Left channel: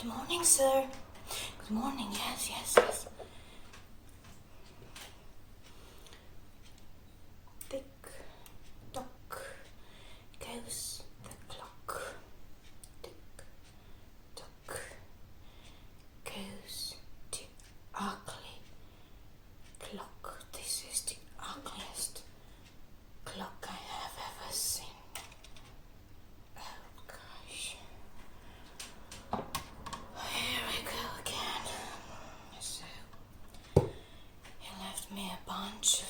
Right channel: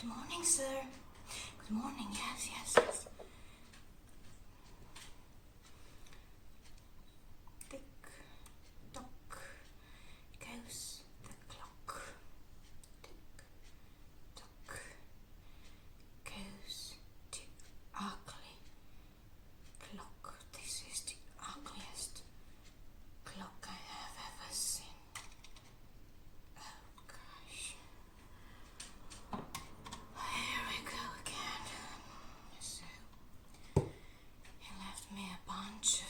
Good morning, sir. Good morning, yes. Tick tock goes the clock. Tick tock goes the ugly clock. This is the ugliest clock I have ever seen. Oh gosh. Here we go again. So, he left me a bunch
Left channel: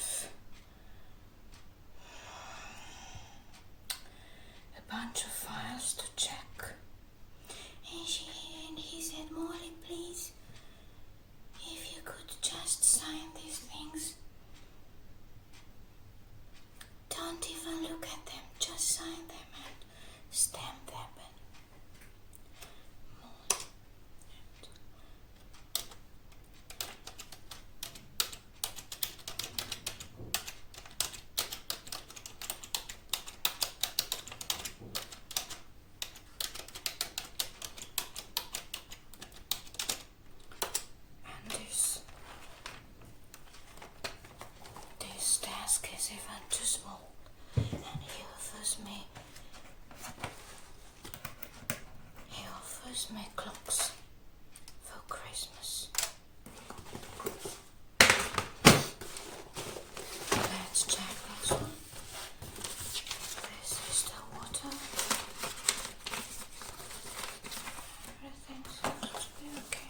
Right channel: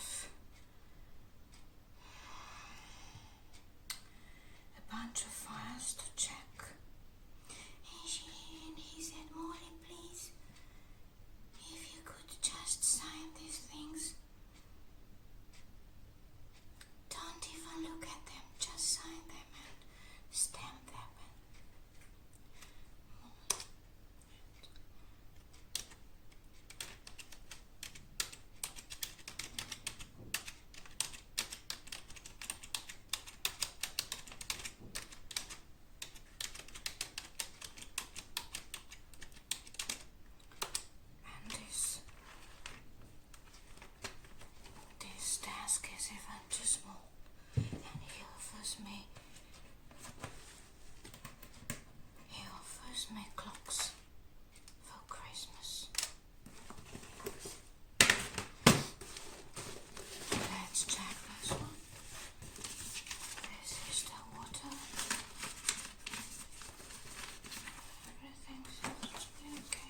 of files to check. And he said, Molly, please, if you could just sign these things. Don't even look at them, just sign them and stamp them. This desk is even too small, and he offers me clocks for Christmas. Let's check this one. This is the water. Everything seems to be okay.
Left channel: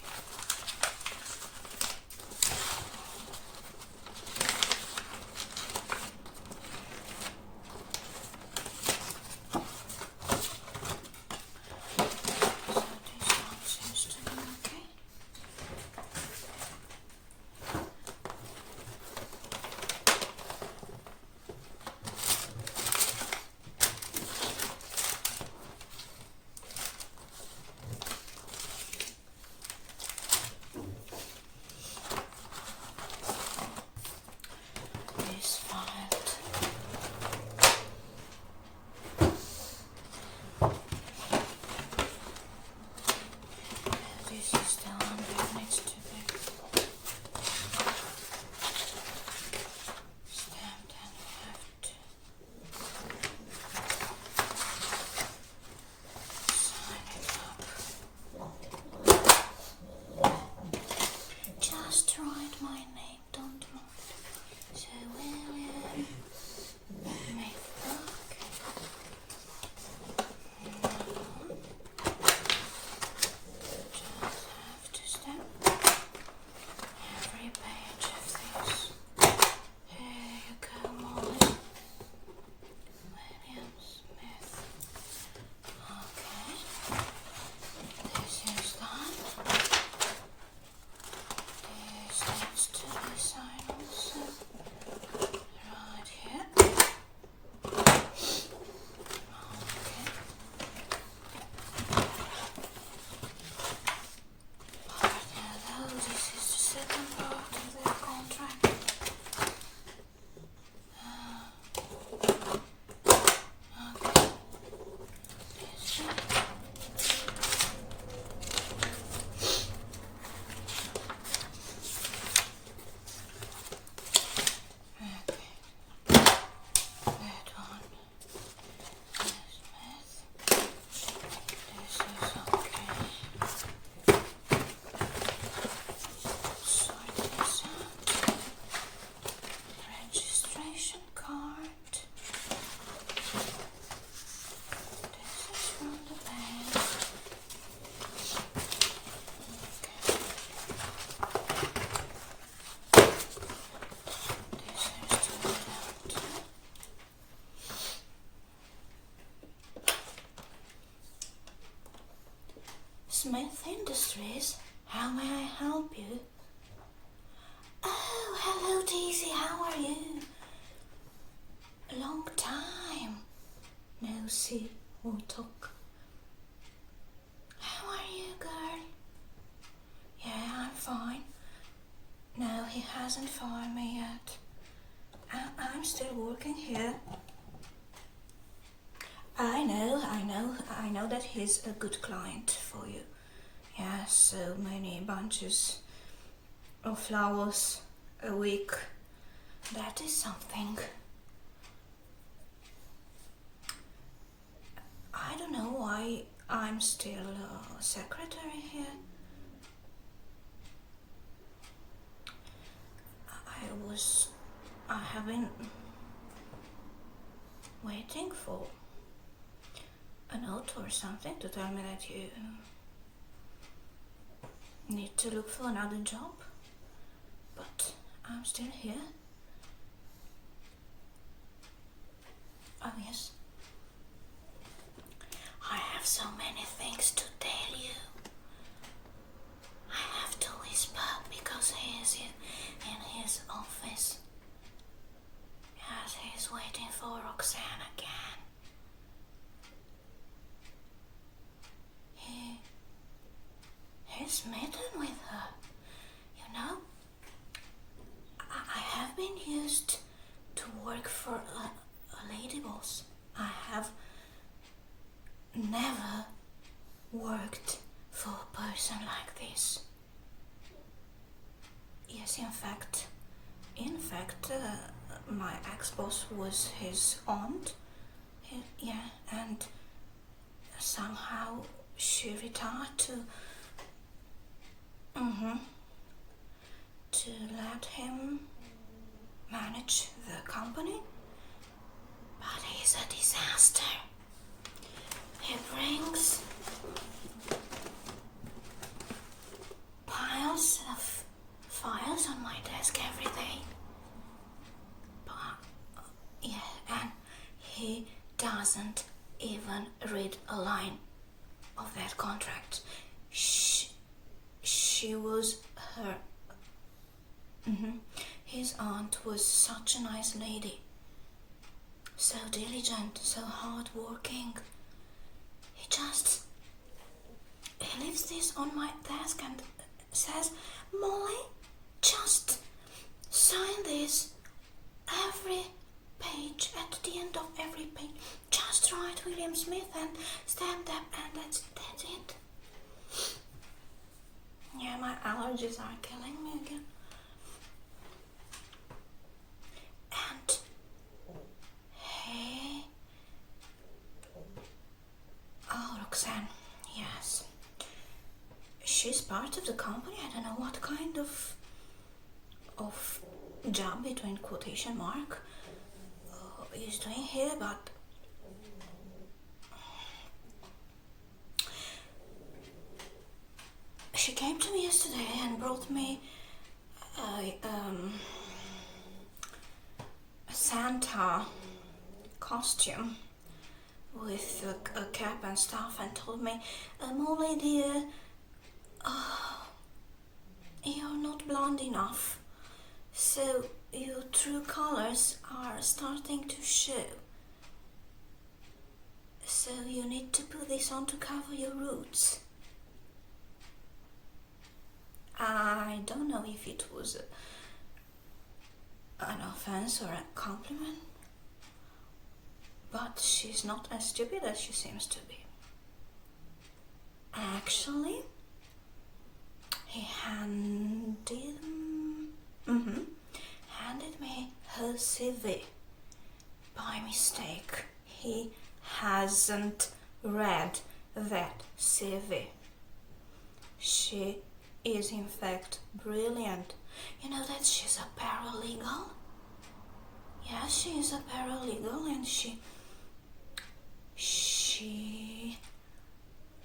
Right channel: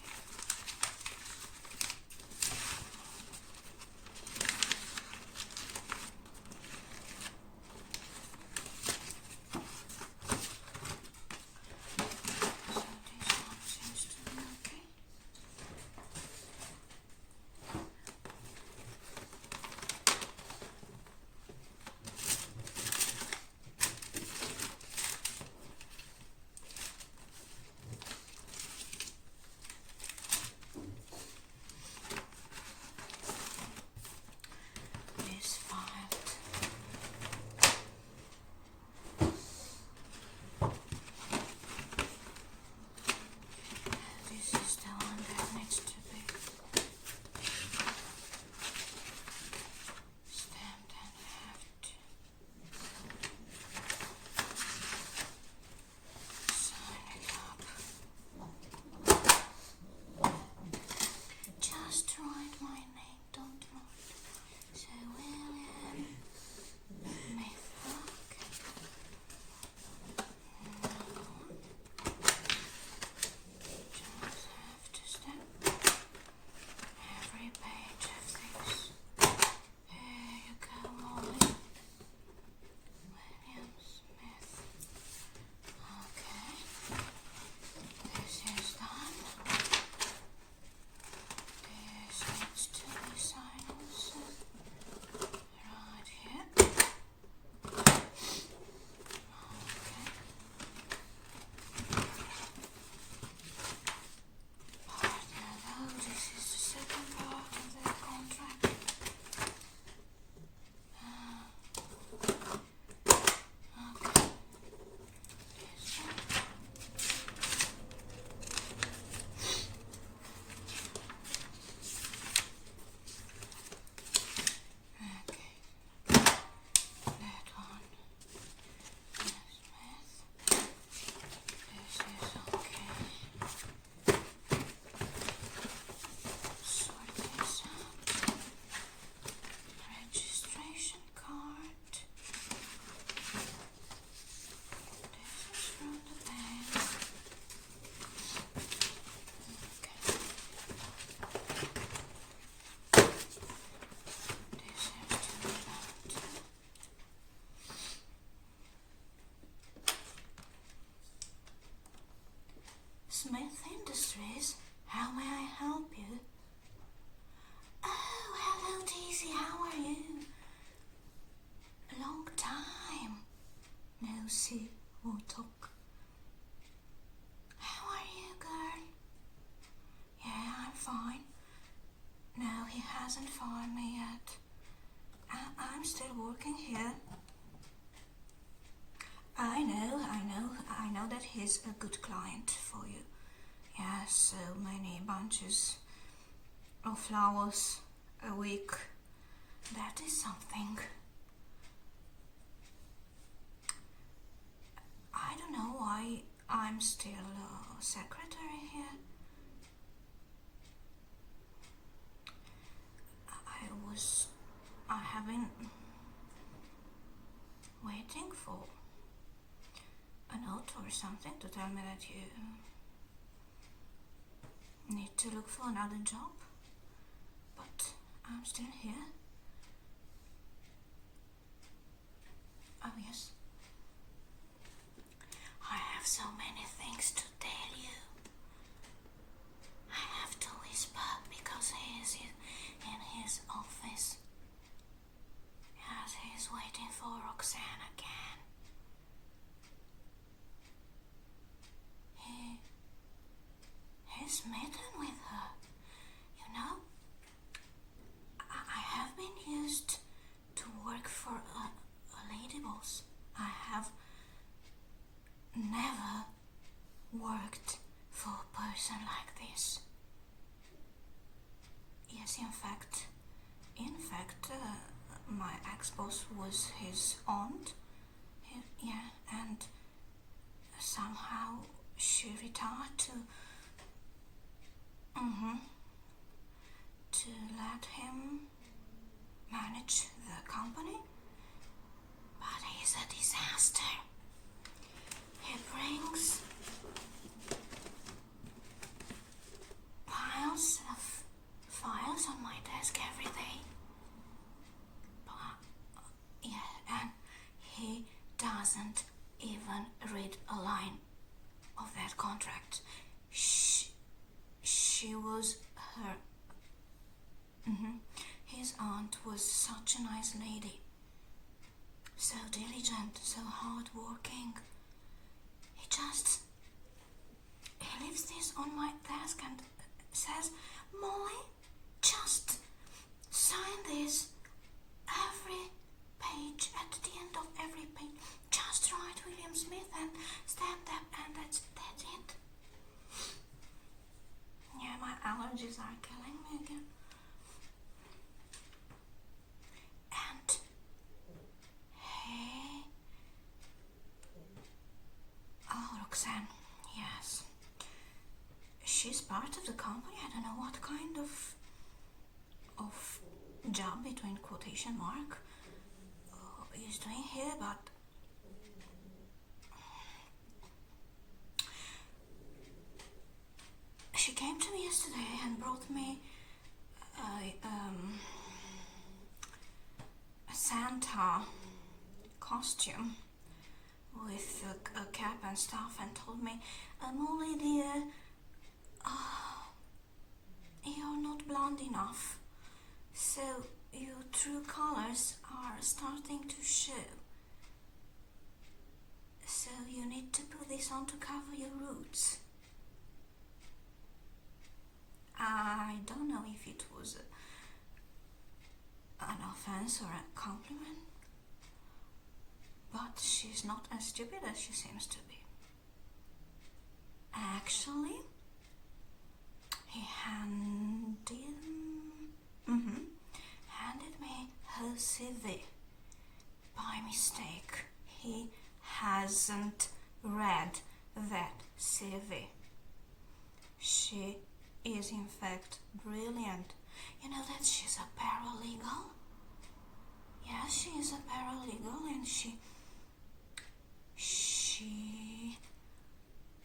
Smith Industries, how may I help you? Oh, hello Daisy, how are you? A long time no see or talk. How are you, girl? Yeah, I'm fine. No, he hasn't fired me yet. I'm still working here. I know that he's a good client for you. Yeah, so many bunches of flowers a week. That is something. I don't know why I'm still secretary here. I have been waiting for a note or something to tell me that you need to look for another job, but I'm still here. Oh yes, I have so many things to tell you. I have to whisper because he is in his office. Yes, he's waiting for Roxanne again. He's smitten with her. You know, I have been used to work for a lady boss. I have never worked for a person like this. Yes, in fact, my ex-boss was his aunt. And somehow she retired to let him manage the company. But he's a disaster. He brings piles of files on my desk every day. And he doesn't even read a line of that contract. She was her. His aunt was such a nice lady. So diligent, so hardworking. He leaves this on my desk and says, "Molly, just sign this every page, at the end of every page. Just write William Smith and stamp them, and that's it." Yeah, my allergies are killing me again. And hey, Roxanne, yes, she's part of the company. I don't know what kind of job between quotation mark is doing here, but she came to me yesterday and brought me a Santa costume with a cap and stuff, and told me, "Molly dear, you're not blonde enough, so your true colors are starting to show. So you need to put this on to cover your roots." I don't know if it was an offense or a compliment, but she's not as stupid as she seems to be. Actually, he handed me her CV by mistake. He hasn't read that CV. She is in fact brilliant. You know that she's a paralegal? Yeah, she is a paralegal, and she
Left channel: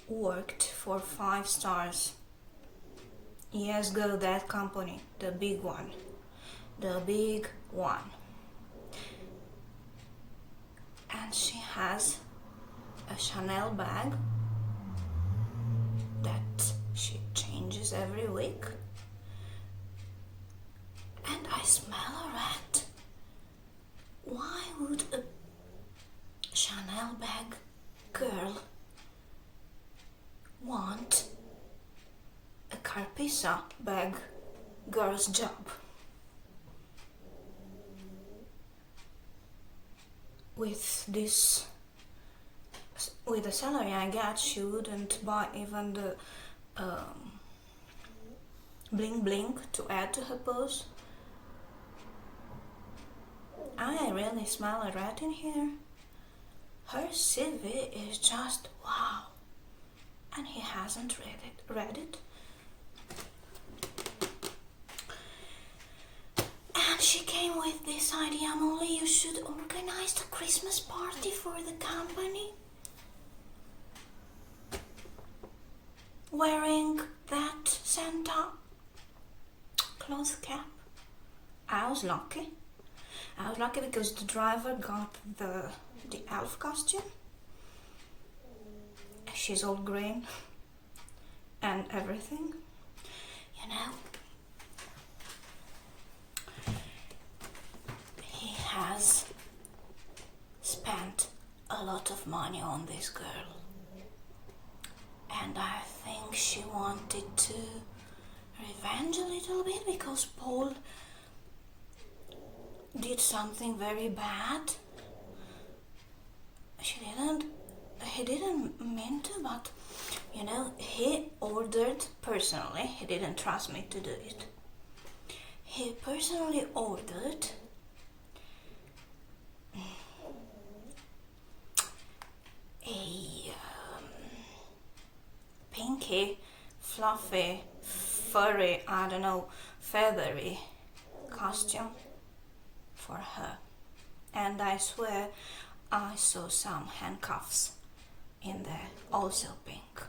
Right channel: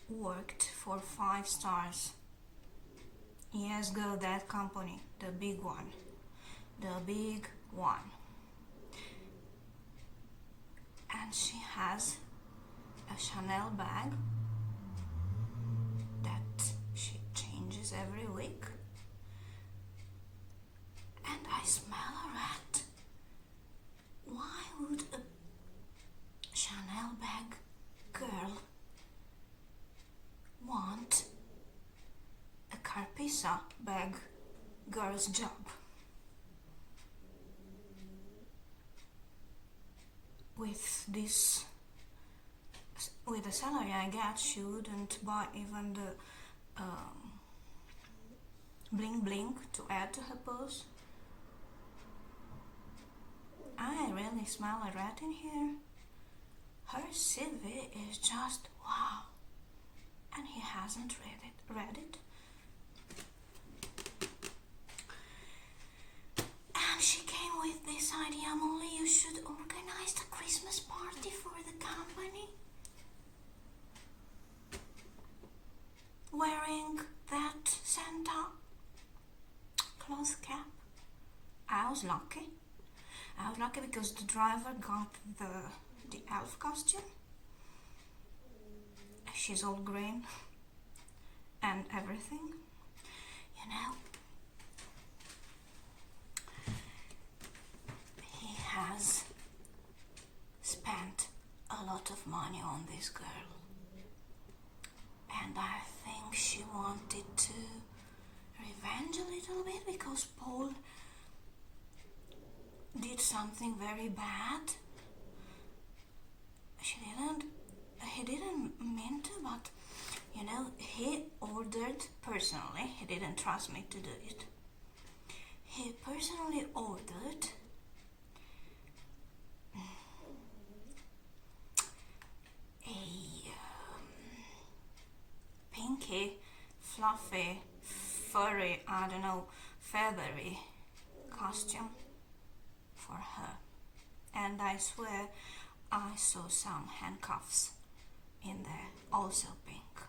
worked for 5 stars. Yes, go that company, the big one. The big one. And she has a Chanel bag that she changes every week. And I smell a rat. Why would a Chanel bag girl want a Carpisa bag girl's job? With the salary I get, she wouldn't buy even bling bling to add to her purse. I really smell a rat in here. Her CV is just wow. And he hasn't read it. And she came with this idea, Molly, you should organize a Christmas party for the company. Wearing that Santa cloth cap. I was lucky because the driver got the elf costume. She's all green and everything, you know. He has spent a lot of money on this girl, and I think she wanted to revenge a little bit because Paul did something very bad. He didn't mean to, but you know, he ordered personally, he didn't trust me to do it. He personally ordered a pinky, fluffy, furry, I don't know, feathery costume for her. And I swear I saw some handcuffs in there, also pink.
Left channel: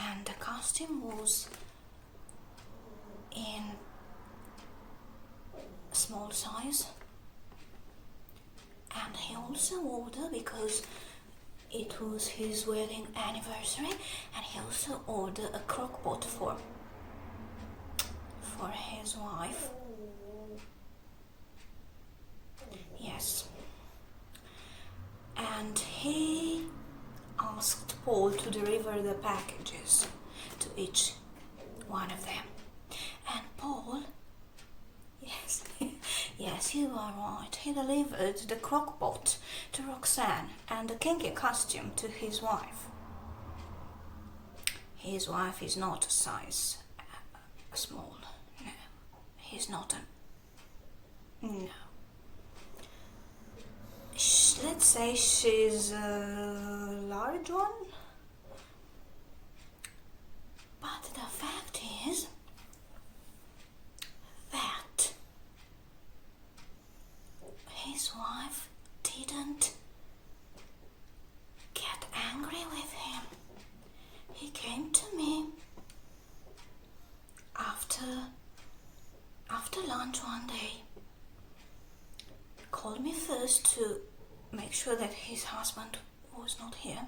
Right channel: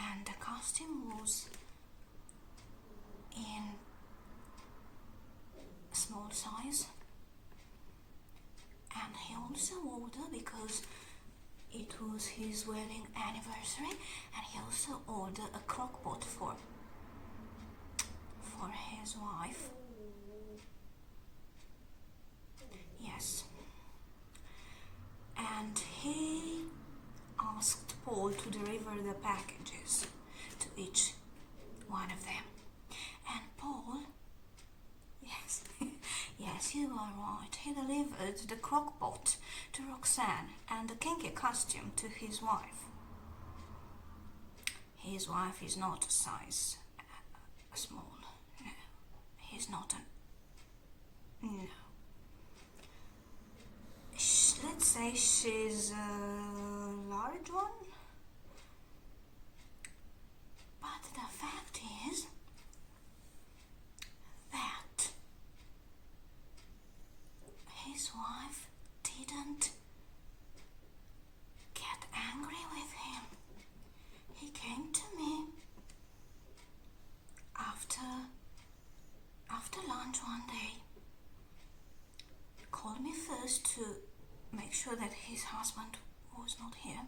And the costume was in small size. And he also ordered, because it was his wedding anniversary, and he also ordered a crock pot for his wife. Yes. And he asked Paul to deliver the packages to each one of them. And Paul, yes, yes, you are right, he delivered the crock pot to Roxanne and the kinky costume to his wife. His wife is not a size small. No, he's not a... No. Let's say she's a large one. But the fact is that his wife didn't get angry with him. He came to me after lunch one day, called me first to make sure that his husband was not here,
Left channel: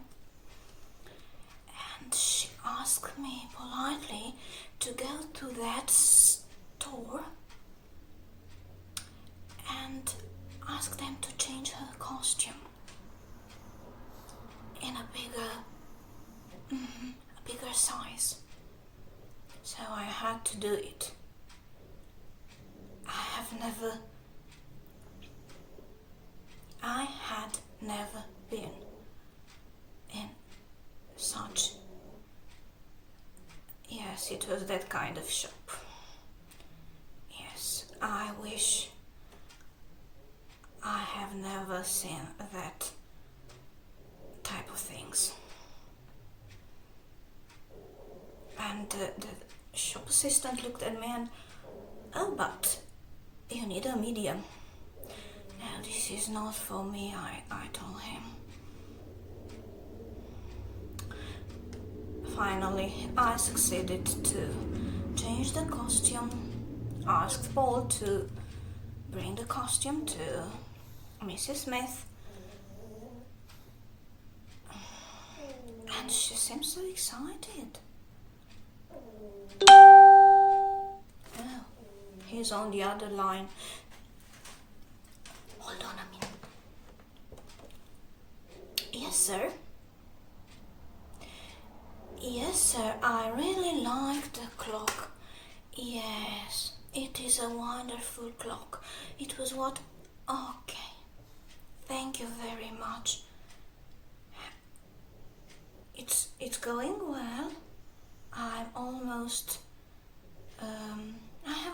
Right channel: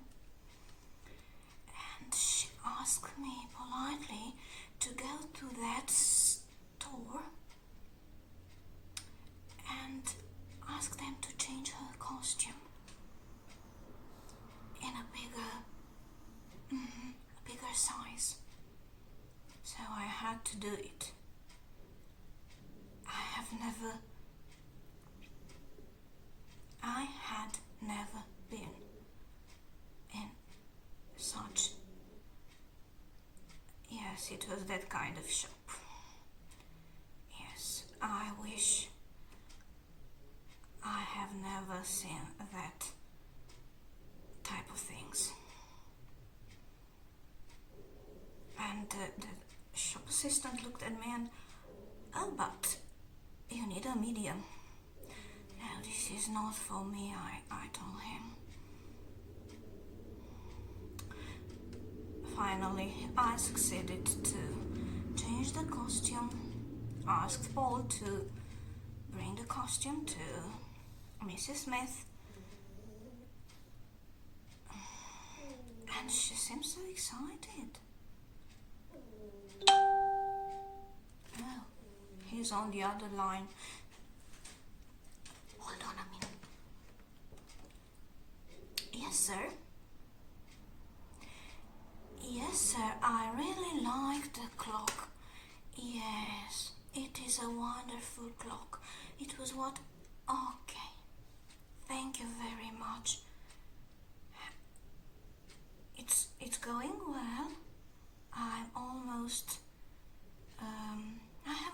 and she asked me politely to go to that store and ask them to change her costume in a bigger size. So I had to do it. I had never been in such... Yes, it was that kind of shop. Yes, I wish I have never seen that type of things. And the shop assistant looked at me and, oh, but you need a medium. No, this is not for me, I told him. Finally, I succeeded to change the costume, asked Paul to bring the costume to Mrs. Smith, and she seemed so excited. Oh, he's on the other line. Hold on a minute. Yes, sir. Yes, sir, I really like the clock. Yes, it is a wonderful clock. It was what... Okay. Thank you very much. It's going well.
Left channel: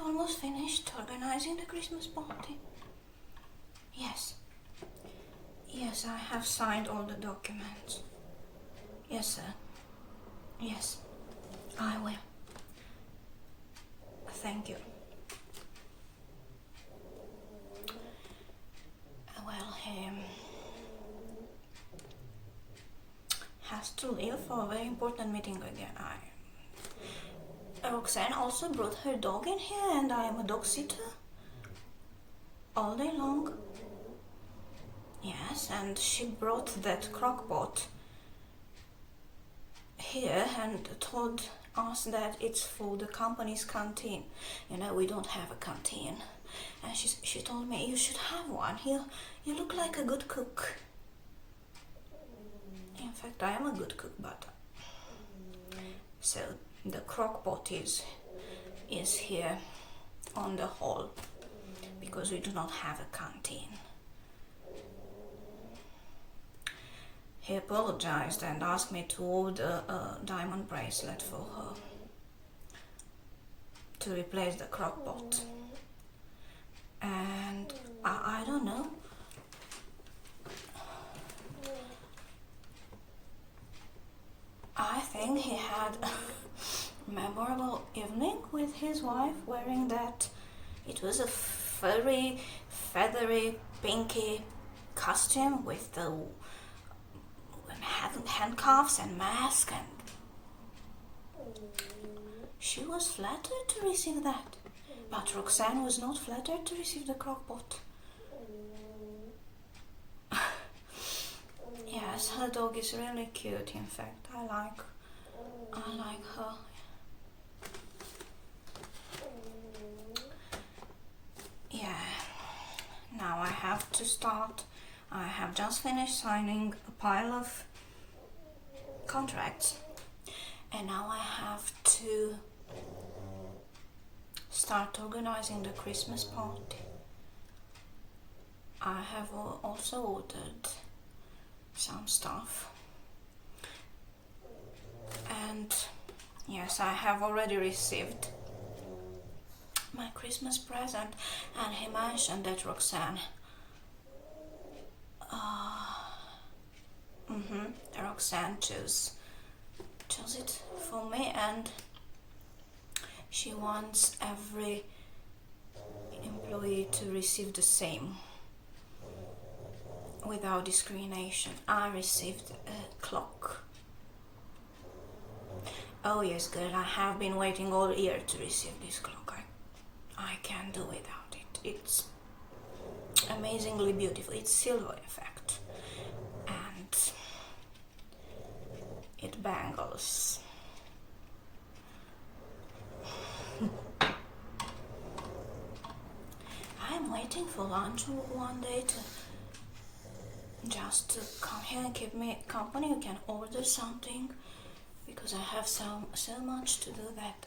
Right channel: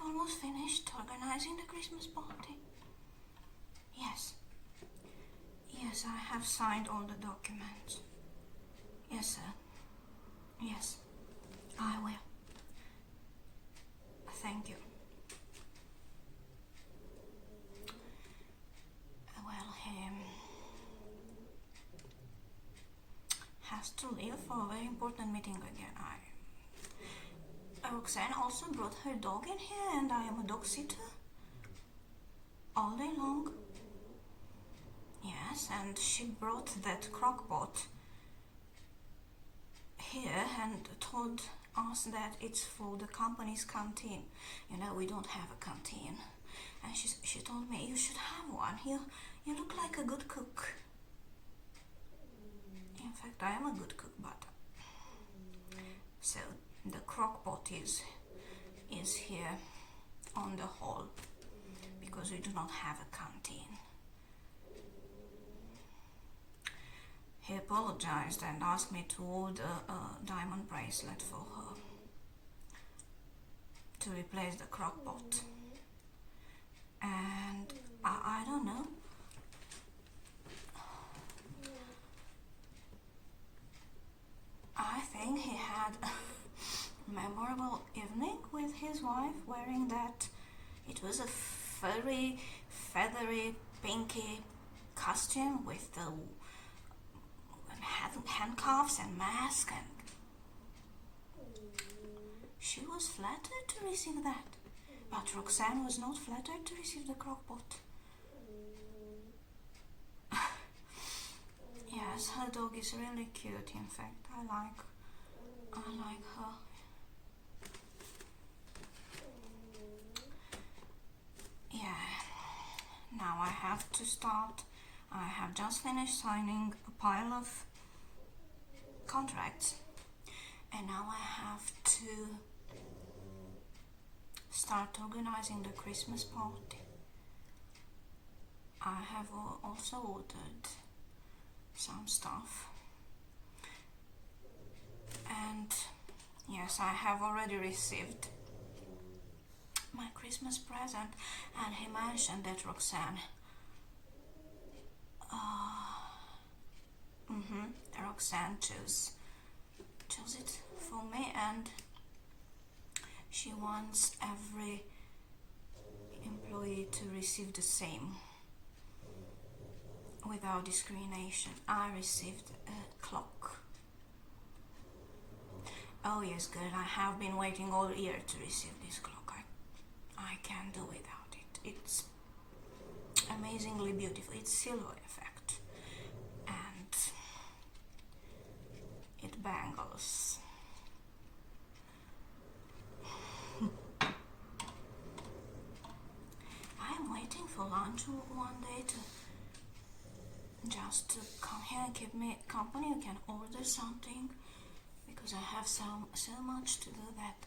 almost finished organizing the Christmas party. Yes. Yes, I have signed all the documents. Yes, sir. Yes, I will. Thank you. Well, he has to leave for a very important meeting again. Roxanne also brought her dog in here, and I am a dog sitter all day long. Yes, and she brought that crockpot here and told us that it's for the company's canteen. You know, we don't have a canteen. And she told me, you should have one. You look like a good cook. In fact, I am a good cook, but... So, the crockpot is here on the hall, because we do not have a canteen. He apologized and asked me to order a diamond bracelet for her to replace the crockpot. And I don't know. I think he had a memorable evening with his wife wearing that. It was a furry, feathery, pinky costume with the handcuffs and mask, and she was flattered to receive that. But Roxanne was not flattered to receive the crockpot. Yes, her dog is really cute. In fact, I like her. Yeah. Now I have to start. I have just finished signing a pile of contracts, and now I have to start organizing the Christmas party. I have also ordered some stuff, and yes, I have already received my Christmas present, and he mentioned that Roxanne Roxanne chose it for me, and she wants every employee to receive the same without discrimination. I received a clock. Oh yes, girl, I have been waiting all year to receive this clock. I can't do without it. It's amazingly beautiful. It's silver, in fact, and it bangles. I am waiting for lunch one day to come here and keep me company. You can order something, because I have so much to do that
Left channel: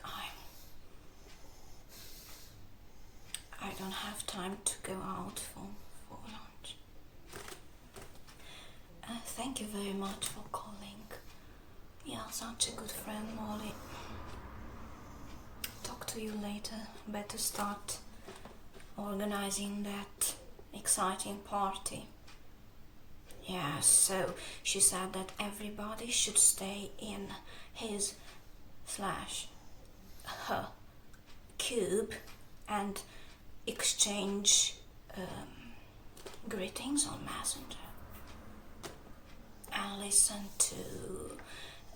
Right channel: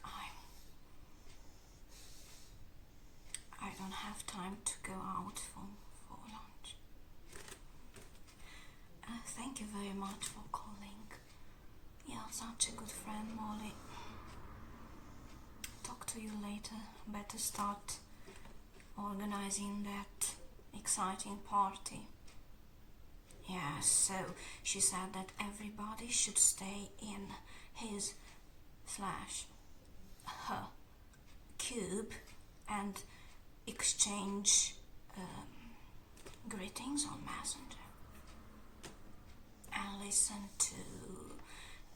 I don't have time to go out for lunch. Thank you very much for calling. You're such a good friend, Molly. Talk to you later. Better start organizing that exciting party. Yeah, so she said that everybody should stay in his/her cube and exchange greetings on Messenger and listen to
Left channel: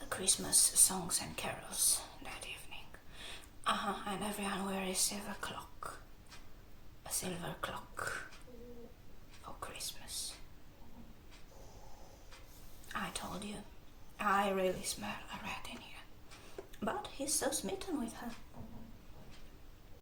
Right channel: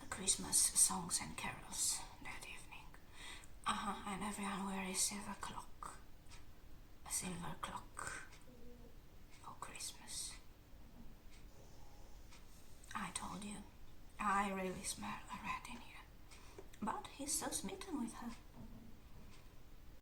Christmas songs and carols that evening. And everyone will receive a clock, a silver clock for Christmas. I told you, I really smell a rat in here. But he's so smitten with her.